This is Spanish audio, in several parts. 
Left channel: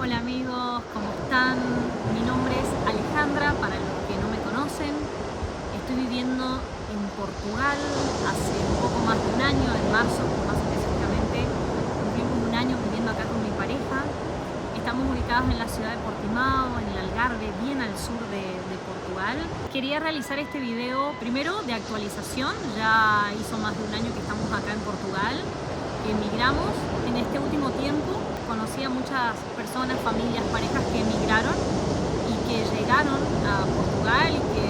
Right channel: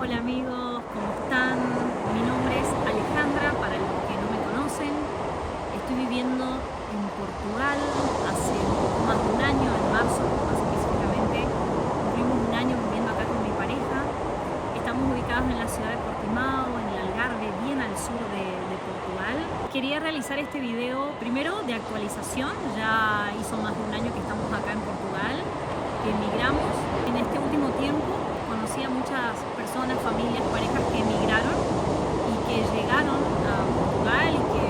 Hola amigos, ¿cómo están? Mi nombre es Alejandra, para los que no me conocen. Estoy viviendo en Portugal hace un poco más de un año, en marzo más específicamente. Cumplimos un año viviendo acá con mi pareja. Estamos ubicados en la ciudad de Portimao, en el Algarve, bien al sur de Portugal. Quería realizar este video primero de actualización. Ya hizo más de un año que estamos acá en Portugal, que emigramos. En este último tiempo conocí a muchas personas, familias, parejas que emigraron y que llegaron a Portugal y que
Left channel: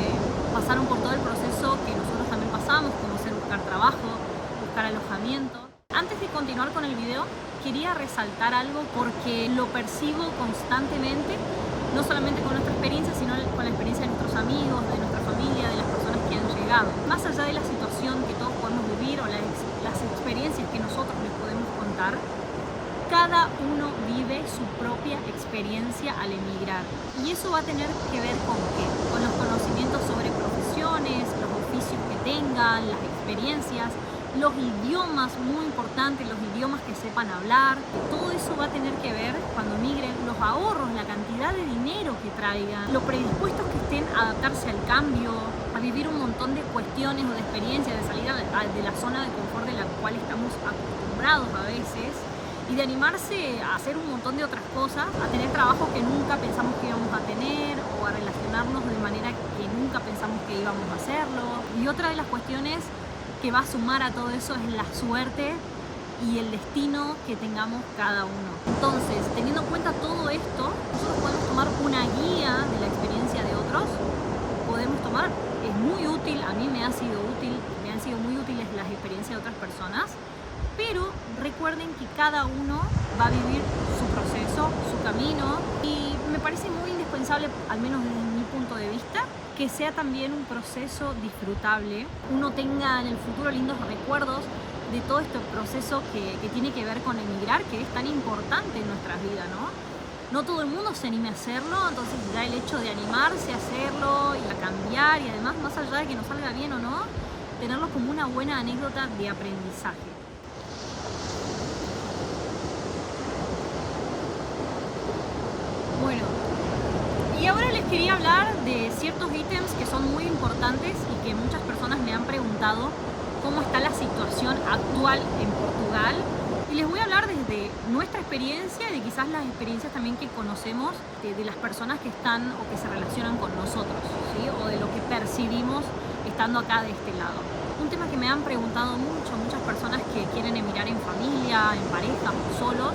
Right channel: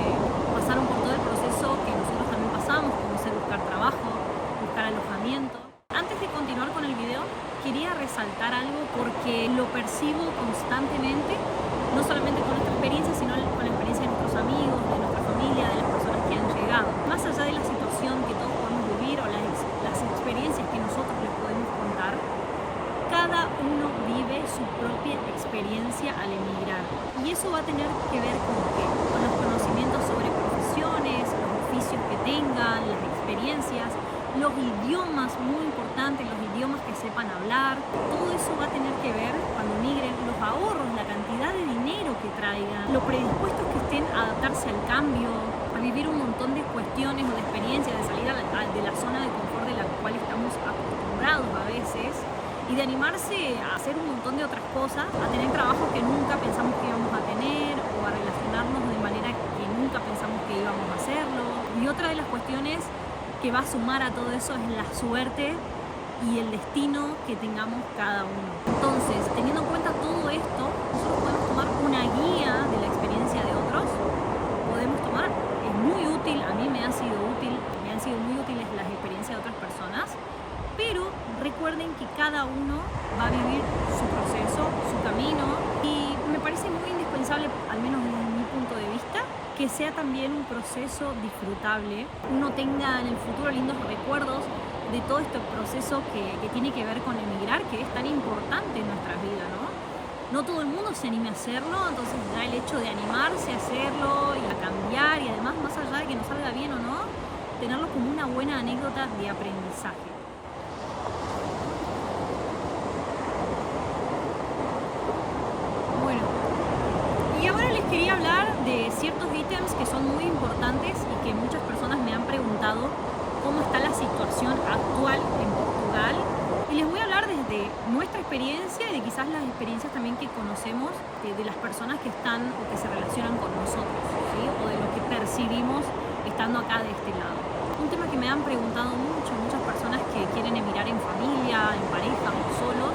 pasaron por todo el proceso que nosotros también pasamos, como ser buscar trabajo, buscar alojamiento. Antes de continuar con el video, quería resaltar algo porque lo percibo constantemente, no solamente con nuestra experiencia, sino con la experiencia de nuestros amigos, de nuestra familia, de las personas que han llegado. Más allá de la situación que todos podemos vivir o las experiencias que nosotros les podemos contar, cada uno vive su propia experiencia al emigrar. Y eso va a tener que ver con qué? Con los conocimientos sobre profesiones, los oficios que tengan, las experiencias, los idiomas, muy importantes, los idiomas que sepan hablar. Todo eso va a tener que ver cuando migren, los ahorros, la cantidad de dinero que traigan, lo predispuestos que estén a adaptarse al cambio, a vivir un montón de cuestiones o de experiencias, de salir de la zona de confort de la cual estamos acostumbrados a veces, y de animarse a hacer un montón de otras cosas, a tener trabajos que nunca pensamos que íbamos a tener o a relacionarnos de manera que nunca pensamos que íbamos a hacerlo. Y otra de las cuestiones que va a sumar a todo eso es la suerte y el destino que tengamos cada uno. Entonces, teniendo en cuenta todo esto, nosotros podemos tomar una guía de la experiencia de otros, podemos tomar, es muy útil, a mí me ha sido útil, me han sido muy útiles las experiencias de otras personas, pero recuerden que cada uno va a vivir su proceso, su camino, y me parece muy indispensable, al menos desde mi punto de vista, que sea también un proceso disfrutable, uno tenga en el futuro lindos recuerdos de todo este proceso que tiene que ver con emigrar, que es tan importante en nuestras vidas, ¿no? No todo el mundo se anime a hacerlo, entonces ya el hecho de animarse a hacerlo y a cambiar, y además, más allá de que nos salga bien o no, tenerlo como una buena anécdota de aprendizaje. Bueno, y ahora les quería hablar de ciertos ítems que son muy importantes y que muchas personas me han preguntado cómo está la situación actual en Portugal. Y les voy a hablar desde nuestra experiencia y de quizás las experiencias también que conocemos de las personas que están o que se relacionan con nosotros, ¿sí? O de lo que percibimos estando acá de este lado. Un tema que me han preguntado muchas personas que quieren emigrar en familia, en pareja o solos,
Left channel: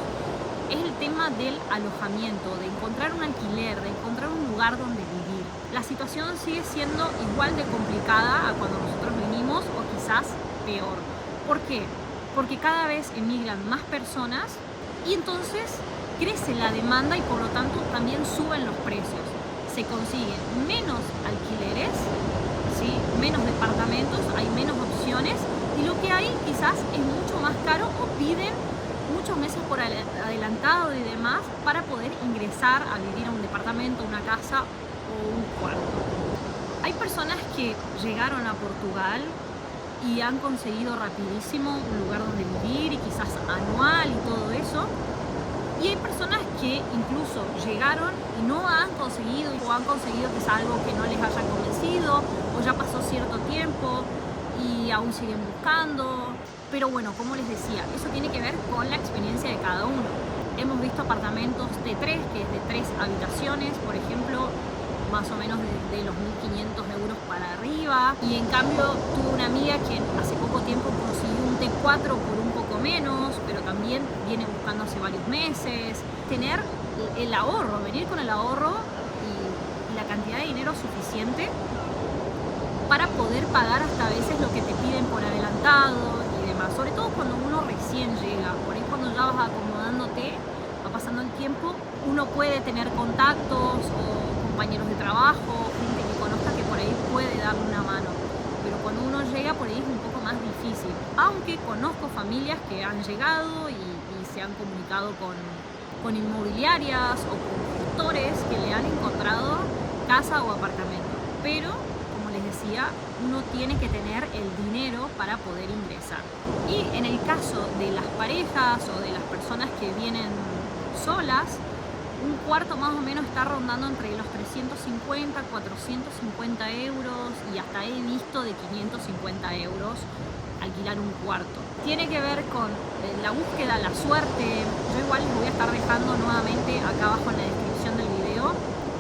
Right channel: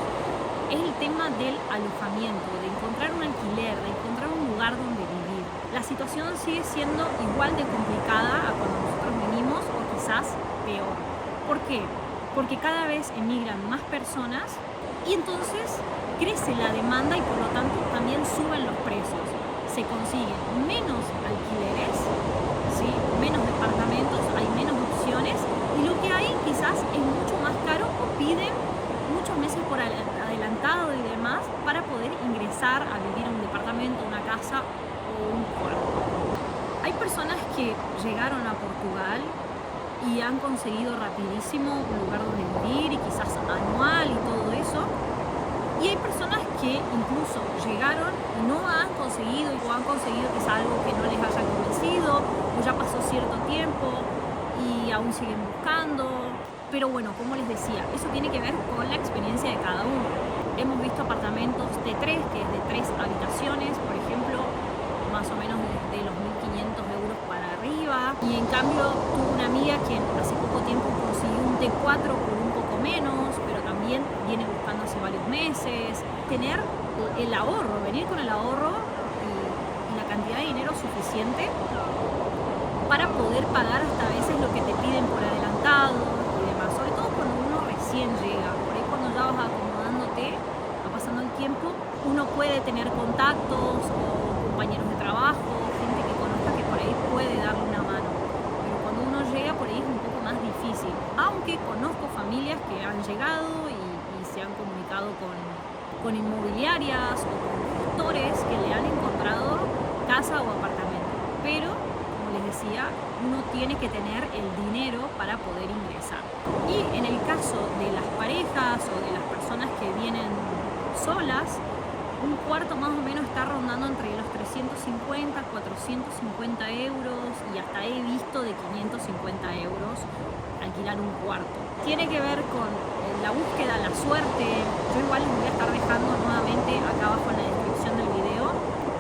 es el tema del alojamiento, de encontrar un alquiler, de encontrar un lugar donde vivir. La situación sigue siendo igual de complicada a cuando nosotros vinimos o quizás peor. ¿Por qué? Porque cada vez emigran más personas y entonces crece la demanda y por lo tanto también suben los precios. Se consiguen menos alquileres, ¿sí? Menos departamentos, hay menos opciones y lo que hay quizás es mucho más caro o piden muchos meses por adelantado y demás para poder ingresar a vivir a un departamento, una casa o un cuarto. Hay personas que llegaron a Portugal y han conseguido rapidísimo un lugar donde vivir y quizás anual y todo eso. Y hay personas que incluso llegaron y no han conseguido o han conseguido quizás algo que no les haya convencido o ya pasó cierto tiempo y aún siguen buscando. Pero bueno, como les decía, eso tiene que ver con la experiencia de cada uno. Hemos visto apartamentos T3, que es de 3 habitaciones, por ejemplo, más o menos desde los 1.500 euros para arriba. Y en cambio tuve una amiga que hace poco tiempo consiguió un T4 por un poco menos, pero también viene buscando hace varios meses. Tener el ahorro, venir con el ahorro y la cantidad de dinero suficiente para poder pagar hasta a veces lo que te piden por adelantado y demás, sobre todo cuando uno recién llega. Por ahí cuando ya vas acomodándote, va pasando el tiempo, uno puede tener contactos o compañeros de trabajo, gente que conozca que por ahí puede darle una mano. Pero cuando uno llega por ahí es un poco más difícil. Aunque conozco familias que han llegado y se han comunicado con inmobiliarias o con gestores que le han encontrado casa o apartamento. Pero les decía, uno tiene que tener el dinero para poder ingresar. Y en el caso de las parejas o de las personas que vienen solas, Un cuarto más o menos está rondando entre los 350, 450 euros y hasta he visto de 550 euros alquilar un cuarto. Tiene que ver con la búsqueda, la suerte. Yo igual les voy a estar dejando nuevamente acá abajo en la descripción del video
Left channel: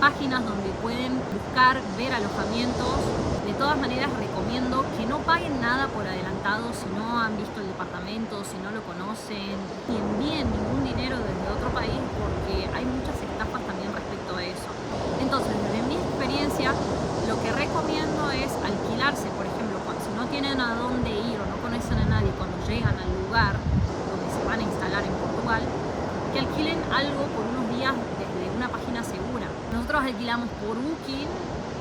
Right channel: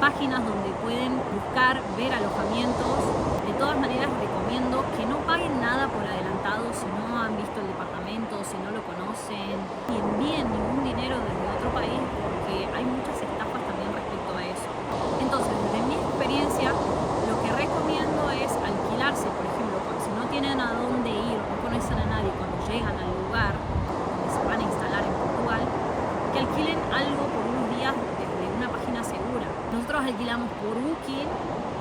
páginas donde pueden buscar, ver alojamientos. De todas maneras recomiendo que no paguen nada por adelantado si no han visto el departamento, si no lo conocen, y envíen ningún dinero desde otro país porque hay muchas estafas también respecto a eso. Entonces, desde mi experiencia, lo que recomiendo es alquilarse, por ejemplo, si no tienen a dónde ir o no conocen a nadie cuando llegan al lugar donde se van a instalar en Portugal, que alquilen algo por unos días desde una página segura. Nosotros alquilamos por Booking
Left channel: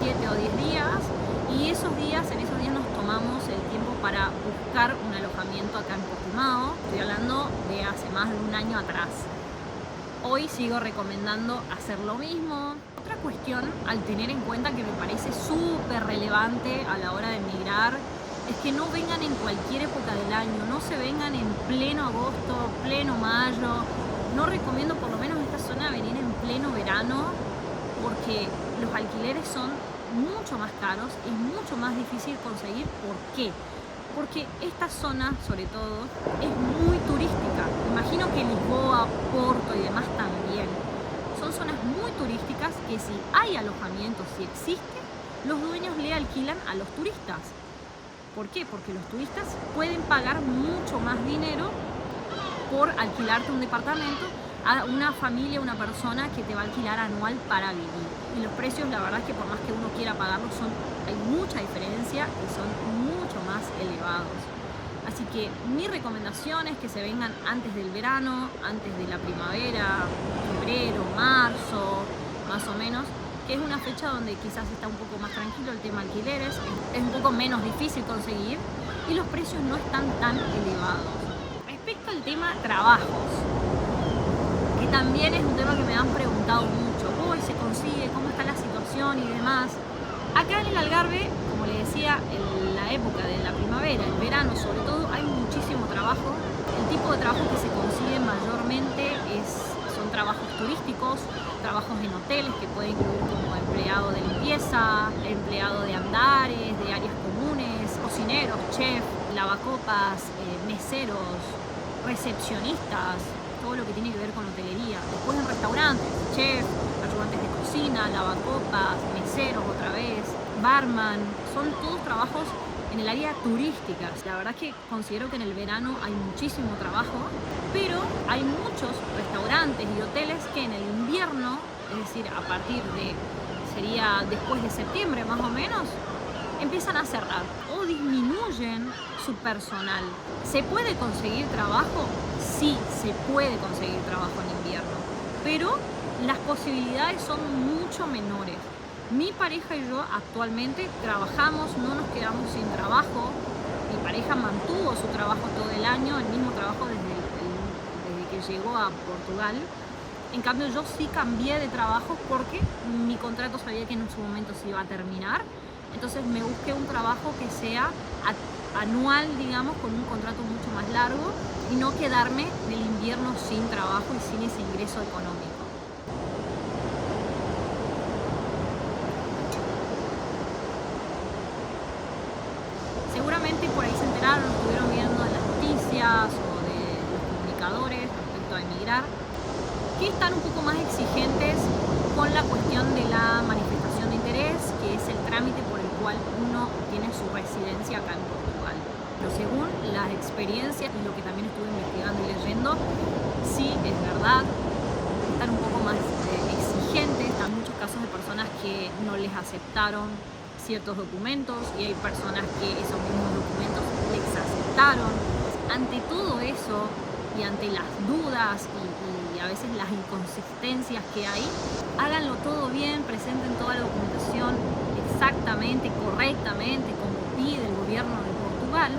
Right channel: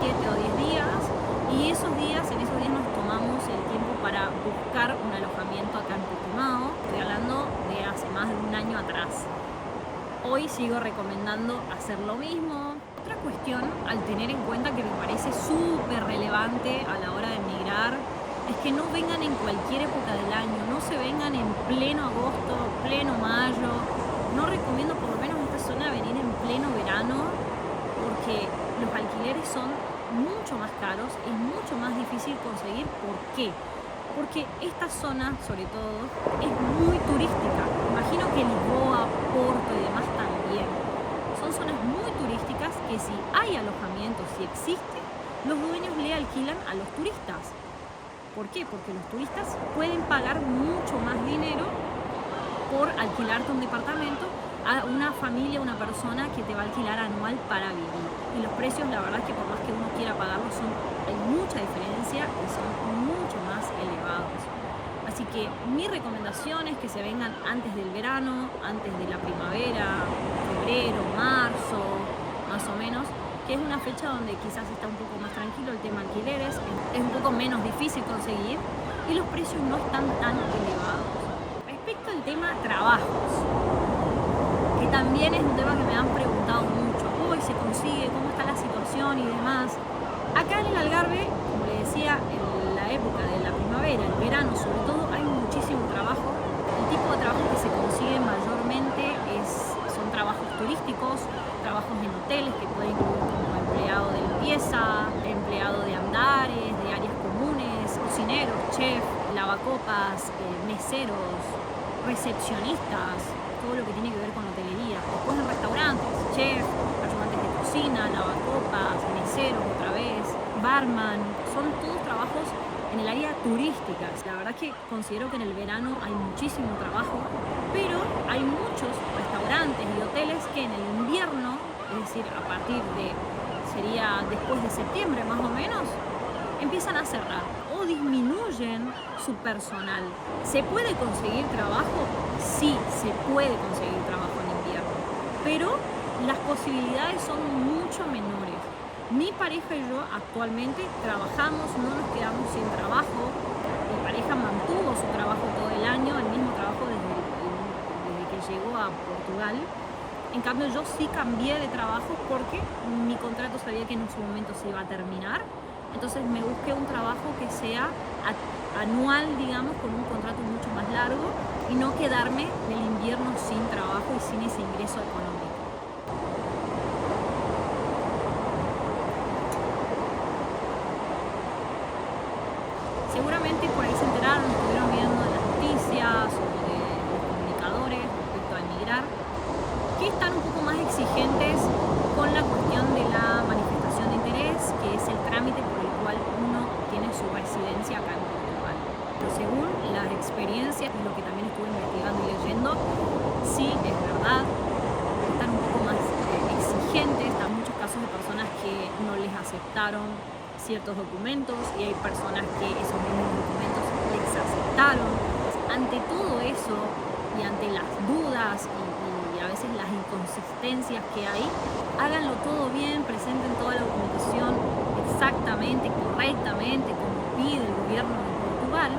7 o 10 días y en esos días nos tomamos el tiempo para buscar un alojamiento acá en Portimao. Estoy hablando de hace más de un año atrás. Hoy sigo recomendando hacer lo mismo. Otra cuestión al tener en cuenta que me parece súper relevante a la hora de emigrar es que no vengan en cualquier época del año, no se vengan en pleno agosto, pleno mayo. No recomiendo, por lo menos en esta zona, venir en pleno verano porque los alquileres son mucho más caros, es mucho más difícil conseguir. ¿Por qué? Porque esta zona, sobre todo, es muy turística. Imagino que Lisboa, Porto y demás también. Son zonas muy turísticas que si hay alojamiento, si existe, los dueños le alquilan a los turistas. ¿Por qué? Porque los turistas pueden pagar mucho más dinero por alquilarte un departamento a una familia, una persona que te va a alquilar anual para vivir. Y los precios, la verdad es que por más que uno quiera pagarlos, hay mucha diferencia y son mucho más elevados. Así que mi recomendación es que se vengan antes del verano, antes de la primavera, febrero, marzo, más o menos, que es una fecha donde quizás está un poco más tranquilo el tema alquileres, es un poco menos difícil conseguir y los precios no están tan elevados. Respecto al tema trabajos, que también es un tema que me han preguntado mucho, hoy se consigue, cómo está la situación y demás. Acá en el Algarve, como le decía, en la época de la primavera, el verano sobre todo, hay muchísimo trabajo. El tipo de trabajo que se consigue mayormente son trabajos turísticos, trabajos en hoteles que pueden incluir como empleado de limpieza, empleado de andares, de áreas comunes, cocineros, chef, lavacopas, meseros, recepcionistas, todo lo que tiene que ver con hotelería. Después en restaurantes, chef, ayudantes de cocina, lavacopas, meseros otra vez, barman, son todos trabajos en el área turística. La verdad es que considero que en el verano hay muchísimo trabajo, pero hay muchos restaurantes y hoteles que en el invierno, es decir, a partir de, sería después de septiembre más o menos, empiezan a cerrar o disminuyen su personal. ¿Se puede conseguir trabajo? Sí, se puede conseguir trabajo en invierno, pero las posibilidades son mucho menores. Mi pareja y yo actualmente trabajamos, no nos quedamos sin trabajo. Mi pareja mantuvo su trabajo todo el año, el mismo trabajo desde que llegó a Portugal. En cambio yo sí cambié de trabajo porque mi contrato sabía que en su momento se iba a terminar. Entonces me busqué un trabajo que sea anual, digamos, con un contrato mucho más largo y no quedarme en el invierno sin trabajo y sin ese ingreso económico. Seguramente por ahí se enteraron, estuvieron viendo en las noticias o de los comunicadores respecto a emigrar, que están un poco más exigentes con la cuestión de la manifestación de interés, que es el trámite por el cual uno obtiene su residencia acá en Portugal. Pero según las experiencias y lo que también estuve investigando y leyendo, sí es verdad, están un poco más exigentes. Están muchos casos de personas que no les aceptaron ciertos documentos y hay personas que esos mismos documentos les aceptaron. Ante todo eso y ante las dudas y a veces las inconsistencias que hay, háganlo todo bien, presenten toda la documentación exactamente, correctamente, como pide el gobierno de Portugal.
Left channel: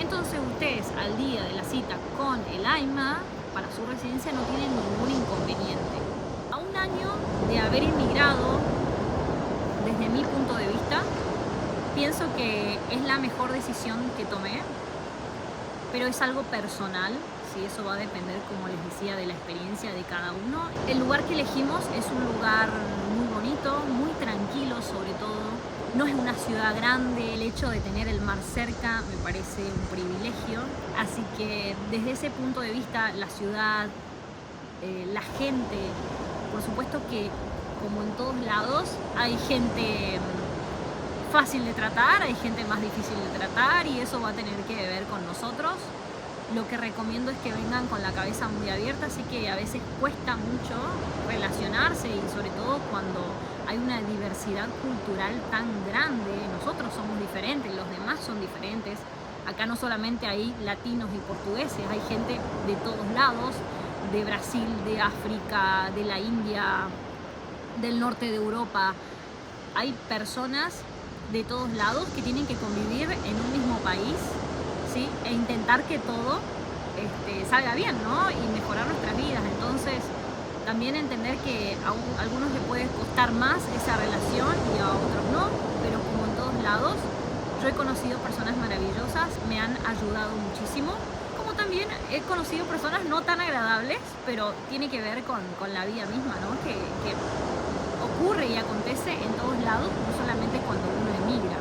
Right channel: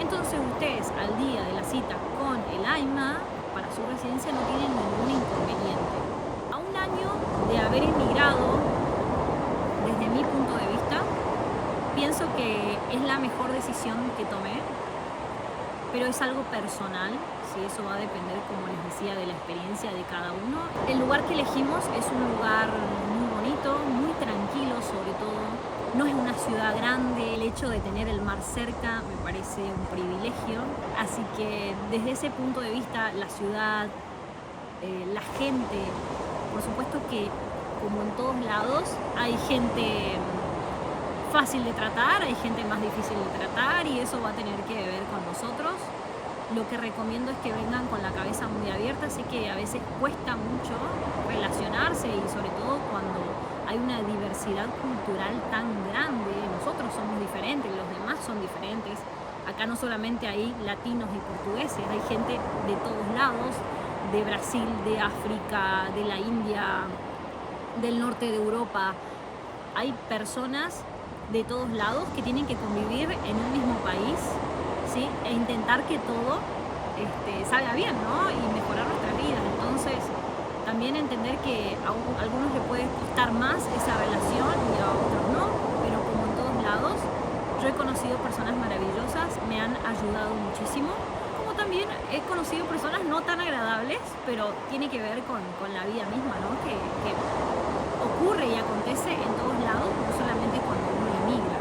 Entonces ustedes al día de la cita con el AIMA para su residencia no tienen ningún inconveniente. A un año de haber emigrado, desde mi punto de vista, pienso que es la mejor decisión que tomé, pero es algo personal. y eso va a depender, como les decía, de la experiencia de cada uno. El lugar que elegimos es un lugar muy bonito, muy tranquilo sobre todo. No es una ciudad grande, el hecho de tener el mar cerca me parece un privilegio. Así que desde ese punto de vista, la ciudad, la gente, por supuesto que como en todos lados hay gente fácil de tratar, hay gente más difícil de tratar y eso va a tener que ver con nosotros. Lo que recomiendo es que vengan con la cabeza muy abierta, así que a veces cuesta mucho relacionarse y sobre todo cuando hay una diversidad cultural tan grande. Nosotros somos diferentes, los demás son diferentes. Acá no solamente hay latinos y portugueses, hay gente de todos lados, de Brasil, de África, de la India, del norte de Europa. Hay personas de todos lados que tienen que convivir en un mismo país, ¿sí? E intentar que todo salga bien, ¿no? Y mejorar nuestras vidas. Entonces, también entender que a algunos les puede costar más esa relación y a otros no, pero como en todos lados, yo he conocido personas maravillosas, me han ayudado muchísimo, como también he conocido personas no tan agradables, pero tiene que ver con la vida misma, ¿no? Que ocurre y acontece en todos lados, no solamente cuando uno emigra.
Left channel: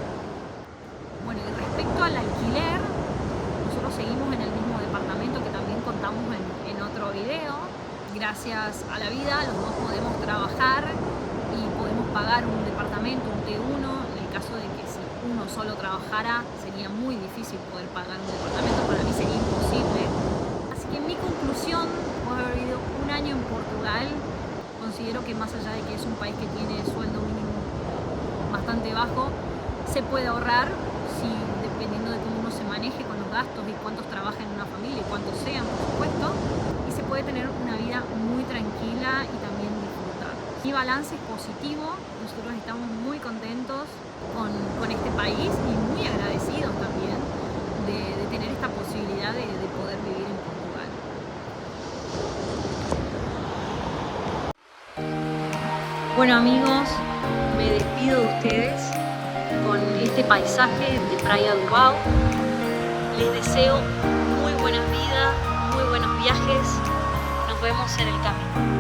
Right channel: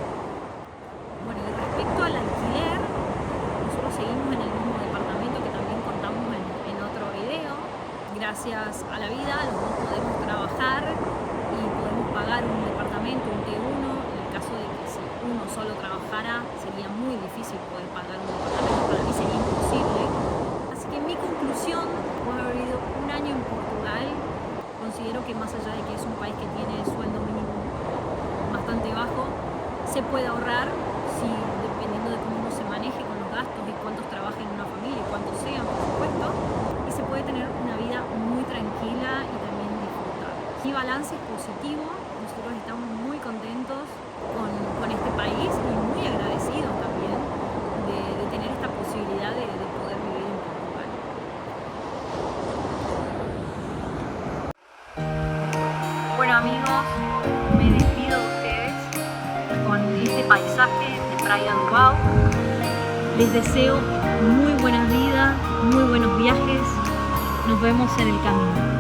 Bueno, y respecto al alquiler, nosotros seguimos en el mismo departamento que también contamos en otro video. Gracias a la vida, los dos podemos trabajar y podemos pagar un departamento, un T1. En el caso de que si uno solo trabajara, sería muy difícil poder pagar un departamento. Para mí sería imposible. Así que en mi conclusión, por haber vivido un año en Portugal, considero que más allá de que es un país que tiene sueldo mínimo bastante bajo, se puede ahorrar si, dependiendo de cómo uno se maneje con los gastos y cuántos trabajan en una familia y cuántos sean, por supuesto, y se puede tener una vida muy tranquila y también disfrutar. Mi balance es positivo, nosotros estamos muy contentos con este país y muy agradecidos también de tener esta posibilidad de poder vivir en Portugal. Bueno amigos, me despido de ustedes con este paisaje de Praia do Uau. Les deseo muy buena vida, muy buenos viajes. Nos vemos en el camino.